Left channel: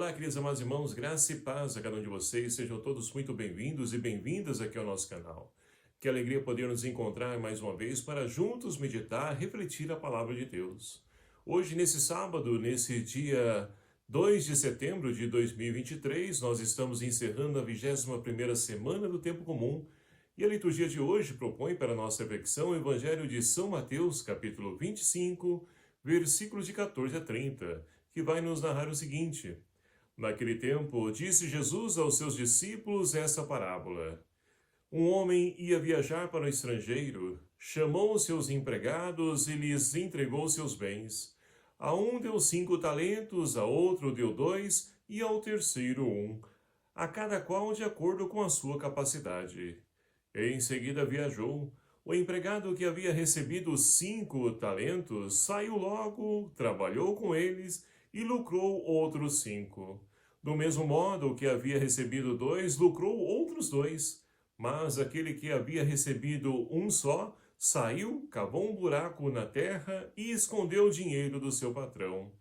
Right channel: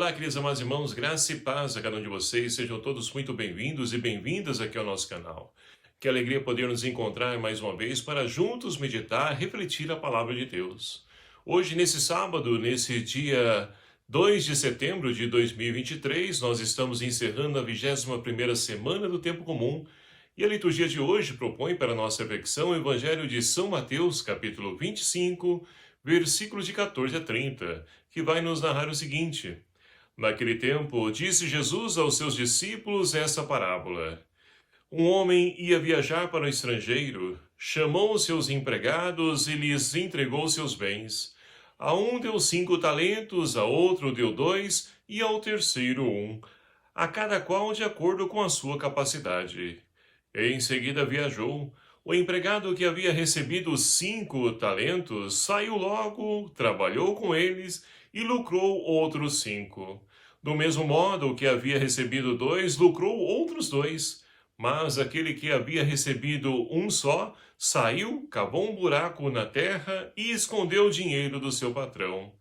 Olá, queridos amados irmãos, graça e paz a cada um de vocês. Sejam todos muito bem-vindos e bem-vindas aqui ao nosso canal. Que alegria poder nos encontrar mais uma vez para juntos meditar, refletir a palavra de Deus. Hoje, nesse sábado, nesse dia 2 de setembro de 2023, nós estamos encerrando a 21ª semana do Tempo Comum. E a liturgia de hoje propõe para a nossa reflexão o Evangelho de São Mateus, capítulo 25, versículos de 14 a 30, que vai nos narrar o seguinte: Naquele tempo, disse Jesus aos seus discípulos essa parábola. Um homem ia viajar para o estrangeiro, chamou os seus empregados e lhes entregou seus bens. A um deu 5 talentos, a outro deu 2 e ao terceiro 1, a cada qual de acordo com a sua capacidade. Em seguida viajou. O empregado que havia recebido 5 talentos saiu logo, trabalhou com eles e lucrou outros 5. Do mesmo modo, o que havia recebido 2 lucrou outros 2. Mas aquele que havia recebido 1 só saiu, cavou um buraco na terra e escondeu o dinheiro do seu patrão.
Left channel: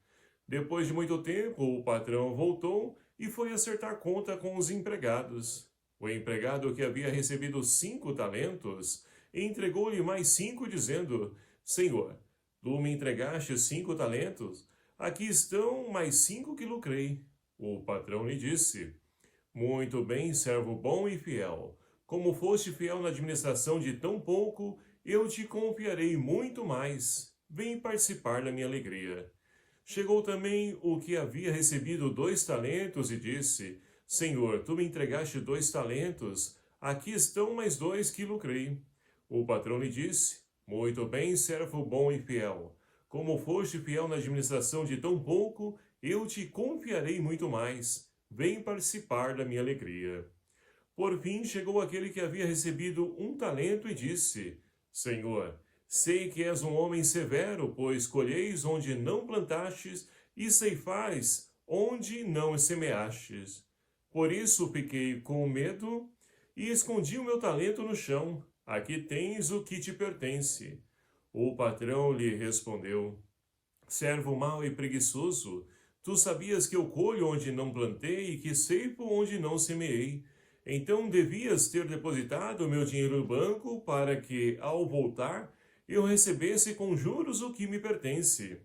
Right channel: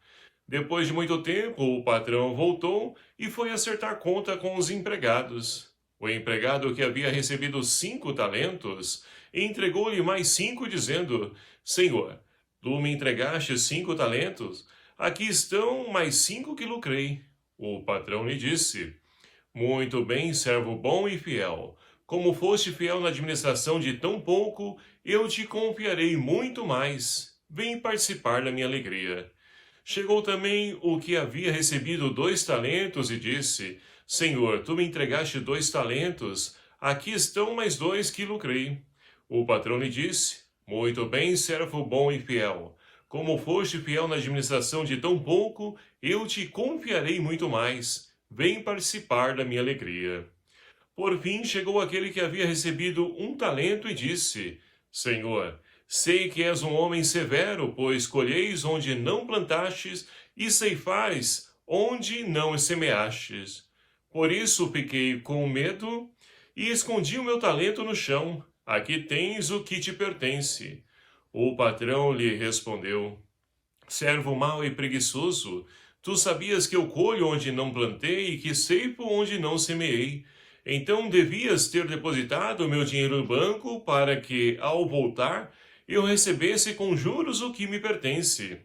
Depois de muito tempo, o patrão voltou e foi acertar conta com os empregados. O empregado que havia recebido 5 talentos entregou-lhe mais 5, dizendo: Senhor, tu me entregaste 5 talentos, aqui estão mais 5 que lucrei. O patrão lhe disse: Muito bem, servo bom e fiel. Como foste fiel na administração de tão pouco, eu te confiarei muito mais. Vem participar da minha alegria. Chegou também o que havia recebido 2 talentos e disse: Senhor, tu me entregaste 2 talentos, aqui estão mais 2 que lucrei. O patrão lhe disse: Muito bem, servo bom e fiel. Como foste fiel na administração de tão pouco, eu te confiarei muito mais. Vem participar da minha alegria. Por fim, chegou aquele que havia recebido 1 talento e disse: Senhor, sei que és um homem severo, pois colheis onde não plantastes e ceifais onde não semeastes. Por isso fiquei com medo e escondi o meu talento no chão. Aqui tens o que te pertence. O patrão lhe respondeu: Servo mau e preguiçoso, tu sabias que eu colho onde não plantei e que ceifo onde não semeei. Então devias ter depositado o meu dinheiro no banco para que, ao voltar, eu recebesse com juros o que me pertence.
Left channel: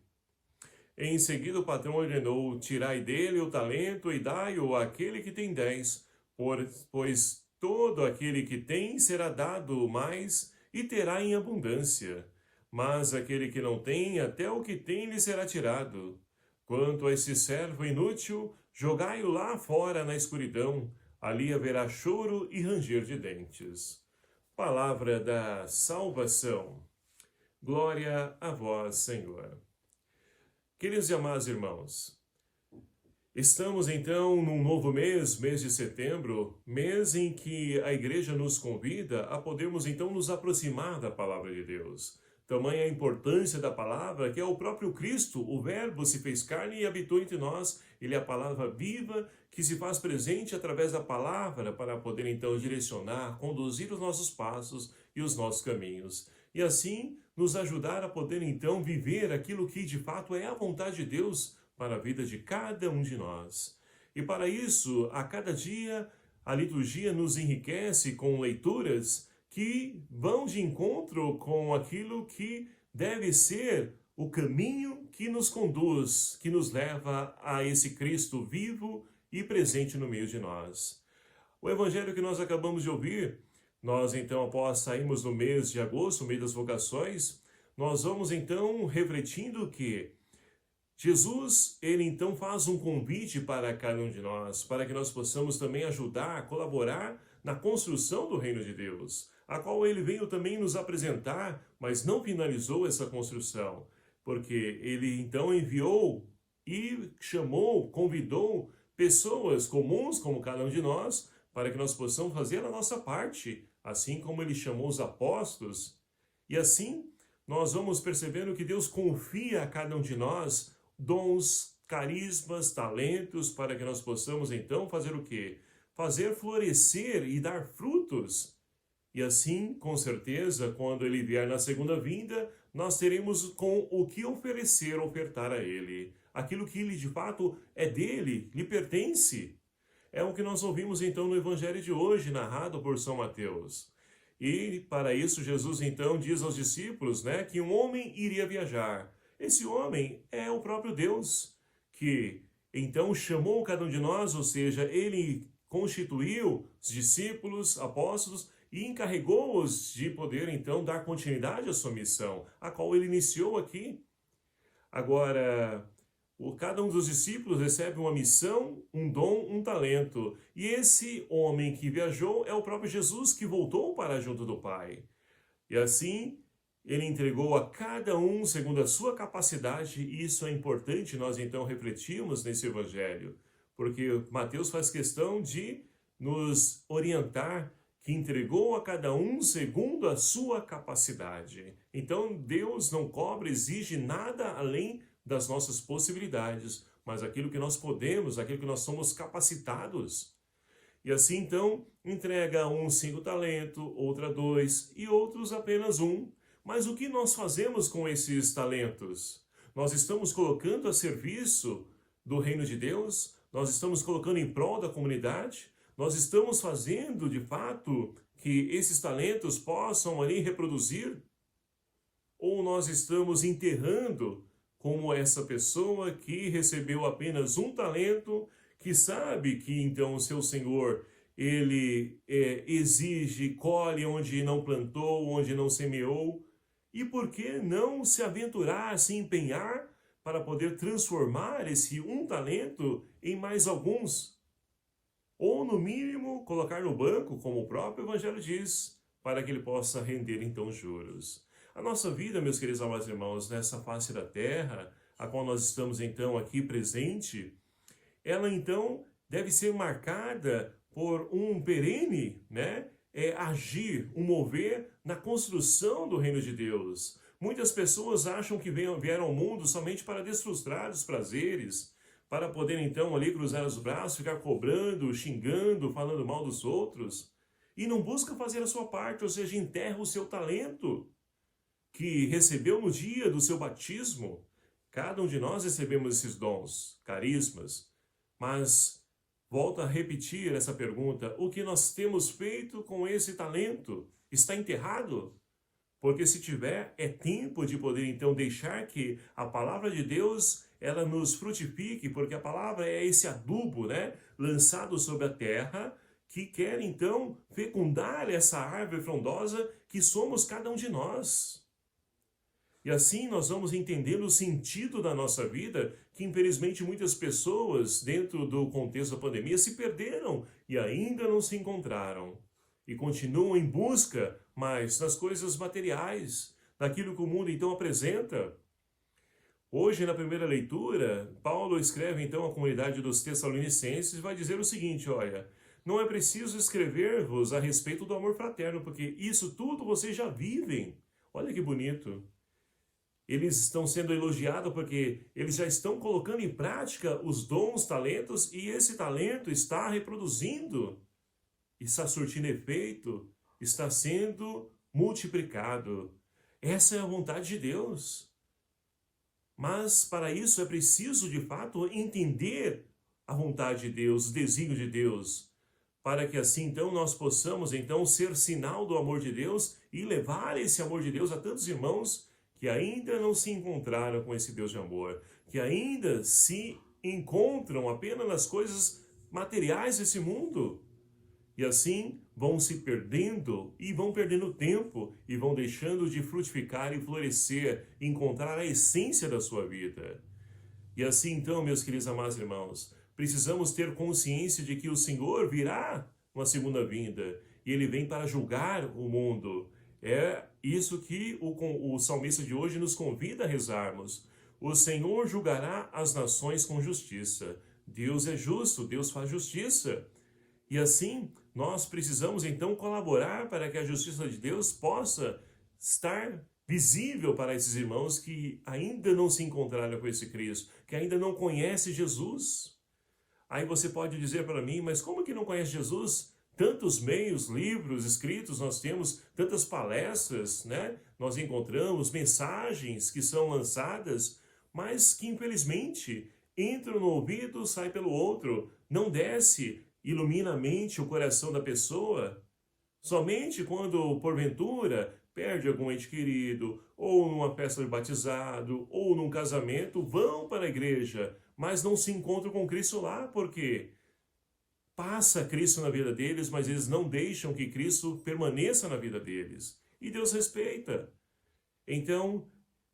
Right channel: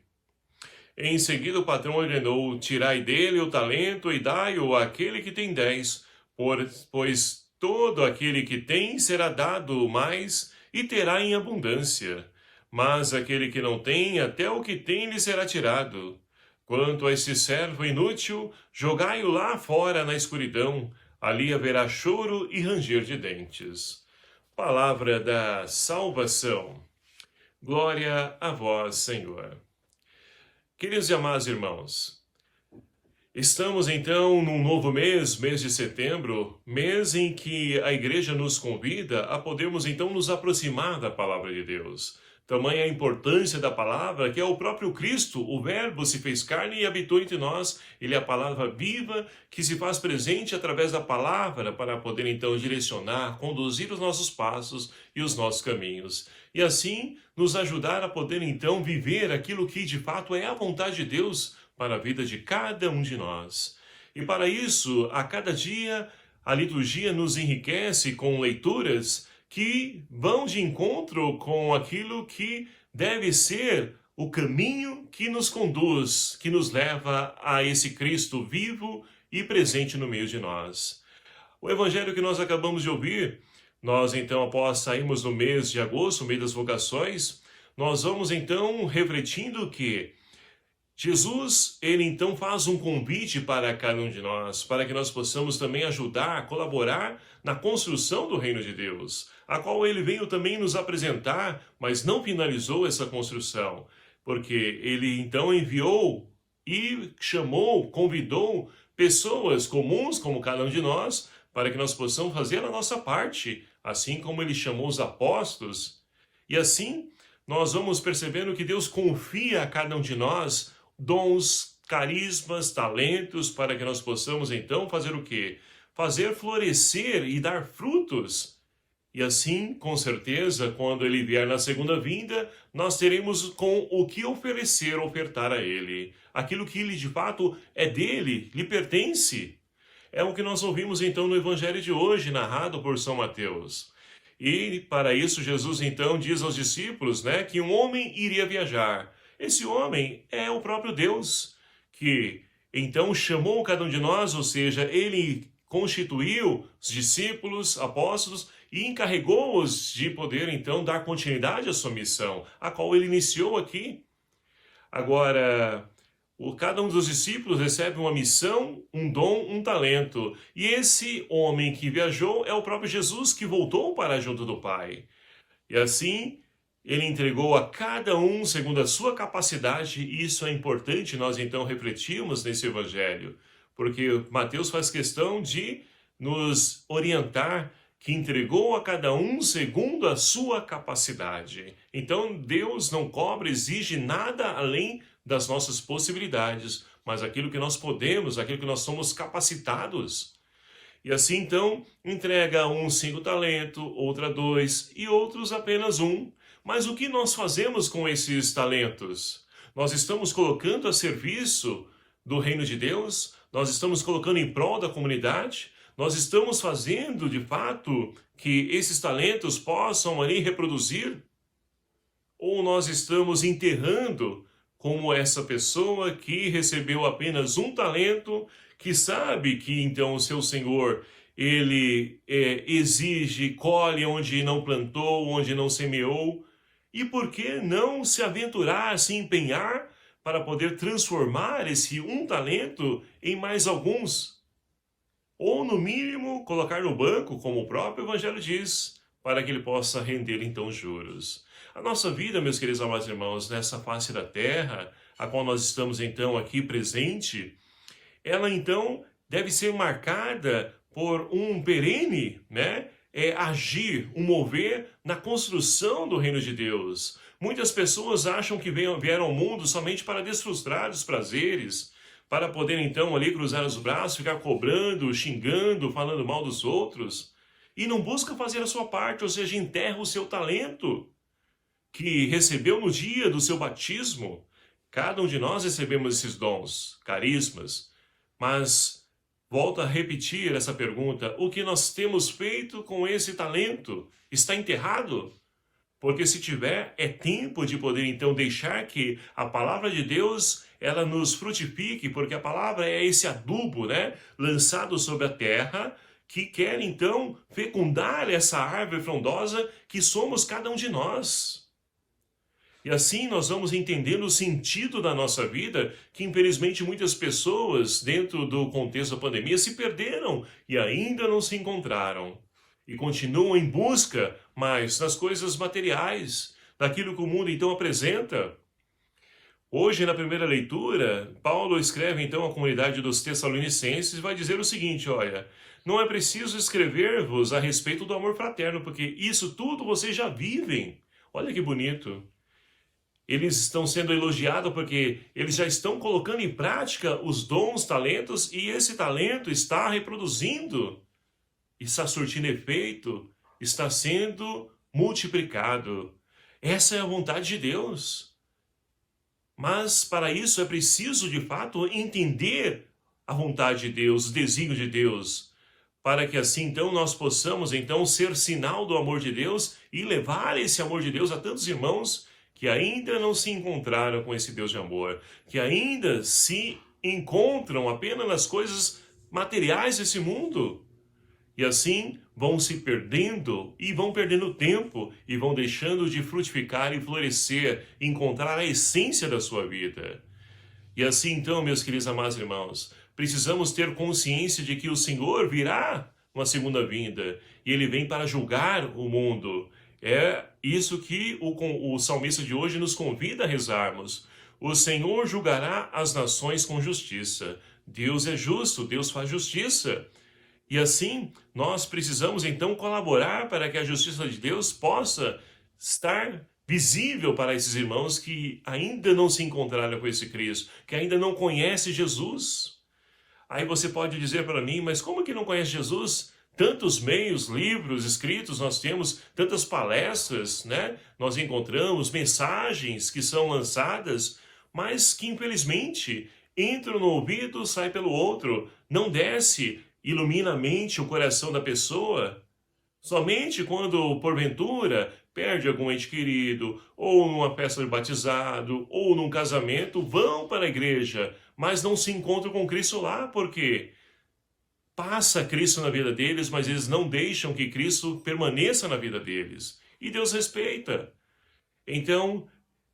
Em seguida o patrão ordenou: Tirai dele o talento e dai-o àquele que tem 10, pois todo aquele que tem será dado mais e terá em abundância. Mas aquele que não tem, até o que tem lhe será tirado. Quanto a esse servo inútil, jogai-o lá fora na escuridão, ali haverá choro e ranger de dentes. Palavra da salvação. Glória a vós, Senhor. Queridos e amados irmãos, estamos então num novo mês, mês de setembro, mês em que a igreja nos convida a podermos então nos aproximar da palavra de Deus. Tamanha a importância da palavra, que é o próprio Cristo, o Verbo se fez carne e habitou entre nós. Ele é a palavra viva que se faz presente através da palavra para poder então direcionar, conduzir os nossos passos e os nossos caminhos. E assim nos ajudar a poder então viver aquilo que de fato é a vontade de Deus para a vida de cada um de nós. E para isso, a cada dia, a liturgia nos enriquece com leituras que vão de encontro com aquilo que deve ser o caminho que nos conduz, que nos leva a esse Cristo vivo e presente no meio de nós. O evangelho que nós acabamos de ouvir, nós então, após sairmos no mês de agosto, o mês das vocações, nós vamos então refletindo que Jesus, ele então faz um convite para cada um de nós, para que nós possamos também ajudar, colaborar na construção do reino de Deus, a qual ele veio também nos apresentar, mas não finalizou essa construção, porque ele então enviou e chamou, convidou pessoas comuns como cada um de nós, para que nós possamos fazer a nossa parte, assim como ele chamou os apóstolos. E assim, nós vamos percebendo que Deus confia a cada um de nós dons, carismas, talentos, para que nós possamos então fazer o quê? Fazer florescer e dar frutos. E assim, com certeza, quando ele vier na segunda vinda, nós teremos com o que ofertar a ele. Aquilo que ele de fato é dele, lhe pertence. É o que nós ouvimos então no Evangelho de hoje, narrado por São Mateus. E para isso Jesus então diz aos discípulos, né, que um homem iria viajar. Esse homem é o próprio Deus, que então chamou cada um de nós, ou seja, ele constituiu os discípulos, apóstolos e encarregou-os de poder então dar continuidade à sua missão, a qual ele iniciou aqui. Agora, cada um dos discípulos recebe uma missão, um dom, um talento. E esse homem que viajou é o próprio Jesus que voltou para junto do Pai. E assim, ele entregou a cada um segundo a sua capacidade, e isso é importante nós então refletirmos nesse evangelho, porque Mateus faz questão de nos orientar que entregou a cada um segundo a sua capacidade. Então, Deus não cobra, exige nada além das nossas possibilidades, mas aquilo que nós podemos, aquilo que nós somos capacitados. E assim, então, entrega a um 5 talentos, outra 2 e outros apenas 1. Mas o que nós fazemos com esses talentos? Nós estamos colocando a serviço do reino de Deus? Nós estamos colocando em prol da comunidade? Nós estamos fazendo, de fato, que esses talentos possam ali reproduzir? Ou nós estamos enterrando como essa pessoa que recebeu apenas um talento, que sabe que então o seu Senhor, ele exige, colhe onde não plantou, onde não semeou, e por que não se aventurar, se empenhar para poder transformar esse um talento em mais alguns? Ou, no mínimo, colocar no banco, como o próprio Evangelho diz, para que ele possa render, então, juros. A nossa vida, meus queridos amados irmãos, nessa face da terra, a qual nós estamos, então, aqui presente, ela, então, deve ser marcada por um perene, né? Agir, um mover na construção do reino de Deus. Muitas pessoas acham que vieram ao mundo somente para desfrustrar os prazeres, para poder então ali cruzar os braços, ficar cobrando, xingando, falando mal dos outros, e não busca fazer a sua parte, ou seja, enterra o seu talento que recebeu no dia do seu batismo. Cada um de nós recebemos esses dons, carismas, mas volto a repetir essa pergunta: o que nós temos feito com esse talento? Está enterrado? Porque se tiver, é tempo de poder então deixar que a palavra de Deus ela nos frutifique, porque a palavra é esse adubo, né, lançado sobre a terra, que quer então fecundar essa árvore frondosa que somos cada um de nós. E assim nós vamos entendendo o sentido da nossa vida, que infelizmente muitas pessoas, dentro do contexto da pandemia, se perderam e ainda não se encontraram. E continuam em busca, mas nas coisas materiais, daquilo que o mundo então apresenta. Hoje, na primeira leitura, Paulo escreve então à comunidade dos Tessalonicenses e vai dizer o seguinte: olha, não é preciso escrever-vos a respeito do amor fraterno, porque isso tudo vocês já vivem. Olha que bonito. Eles estão sendo elogiados porque eles já estão colocando em prática os dons, talentos, e esse talento está reproduzindo, está surtindo efeito, está sendo multiplicado. Essa é a vontade de Deus. Mas para isso é preciso, de fato, entender a vontade de Deus, o desígnio de Deus, para que assim então nós possamos então ser sinal do amor de Deus e levar esse amor de Deus a tantos irmãos que ainda não se encontraram com esse Deus de amor, que ainda se encontram apenas nas coisas materiais desse mundo. E assim vão se perdendo e vão perdendo tempo e vão deixando de frutificar e florescer, encontrar a essência da sua vida. E assim então, meus queridos amados irmãos, precisamos ter consciência de que o Senhor virá uma segunda vinda e Ele vem para julgar o mundo. É isso que o salmista de hoje nos convida a rezarmos. O Senhor julgará as nações com justiça. Deus é justo, Deus faz justiça. E assim, nós precisamos então colaborar para que a justiça de Deus possa estar visível para esses irmãos que ainda não se encontraram com esse Cristo, que ainda não conhecem Jesus. Aí você pode dizer para mim, mas como que não conhece Jesus? Tantos meios, livros escritos nós temos, tantas palestras, né? Nós encontramos mensagens que são lançadas, mas que infelizmente entram no ouvido, sai pelo outro, não desce, ilumina a mente, o coração da pessoa. Somente quando, porventura, perde algum ente querido, ou numa festa de batizado, ou num casamento, vão para a igreja, mas não se encontram com Cristo lá, porque passa Cristo na vida deles, mas eles não deixam que Cristo permaneça na vida deles. E Deus respeita. Então,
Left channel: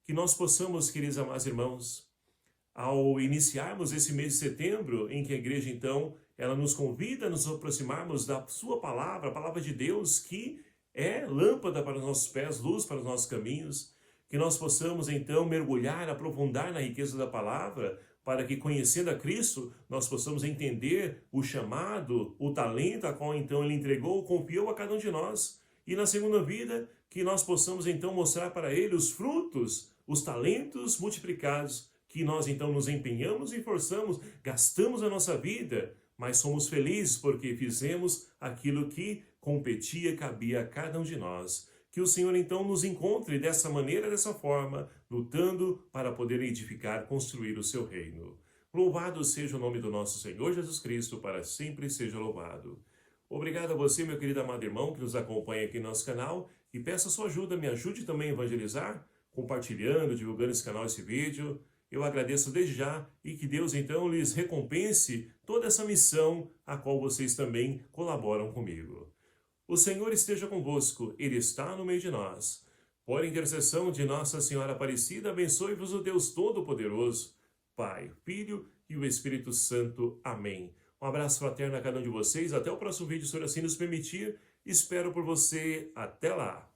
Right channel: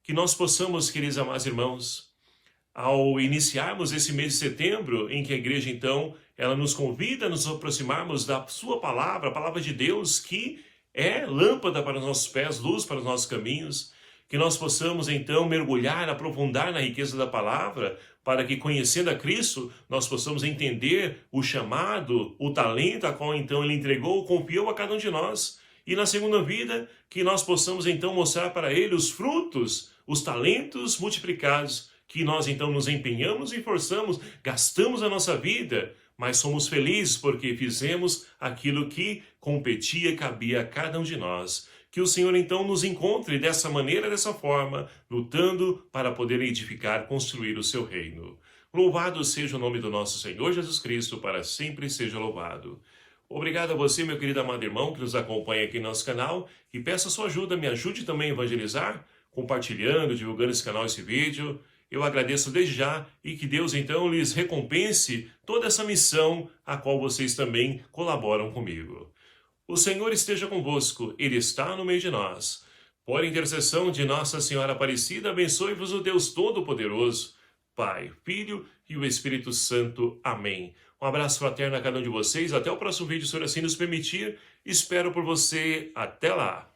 que nós possamos, queridos amados irmãos, ao iniciarmos esse mês de setembro, em que a igreja, então, ela nos convida a nos aproximarmos da sua palavra, a palavra de Deus, que é lâmpada para os nossos pés, luz para os nossos caminhos, que nós possamos, então, mergulhar, aprofundar na riqueza da palavra, para que, conhecendo a Cristo, nós possamos entender o chamado, o talento a qual, então, Ele entregou, confiou a cada um de nós. E na segunda vida, que nós possamos, então, mostrar para Ele os frutos, os talentos multiplicados, que nós, então, nos empenhamos e forçamos, gastamos a nossa vida, mas somos felizes porque fizemos aquilo que competia e cabia a cada um de nós. Que o Senhor, então, nos encontre dessa maneira, dessa forma, lutando para poder edificar, construir o seu reino. Louvado seja o nome do nosso Senhor Jesus Cristo, para sempre seja louvado. Obrigado a você, meu querido amado irmão, que nos acompanha aqui no nosso canal, e peço a sua ajuda, me ajude também a evangelizar, compartilhando, divulgando esse canal, esse vídeo. Eu agradeço desde já e que Deus, então, lhes recompense toda essa missão a qual vocês também colaboram comigo. O Senhor esteja convosco, Ele está no meio de nós. Por intercessão de Nossa Senhora Aparecida, abençoe-vos o Deus Todo-Poderoso, Pai, Filho e o Espírito Santo. Amém. Um abraço fraterno a cada um de vocês. Até o próximo vídeo, se assim nos permitir. Espero por você. Até lá.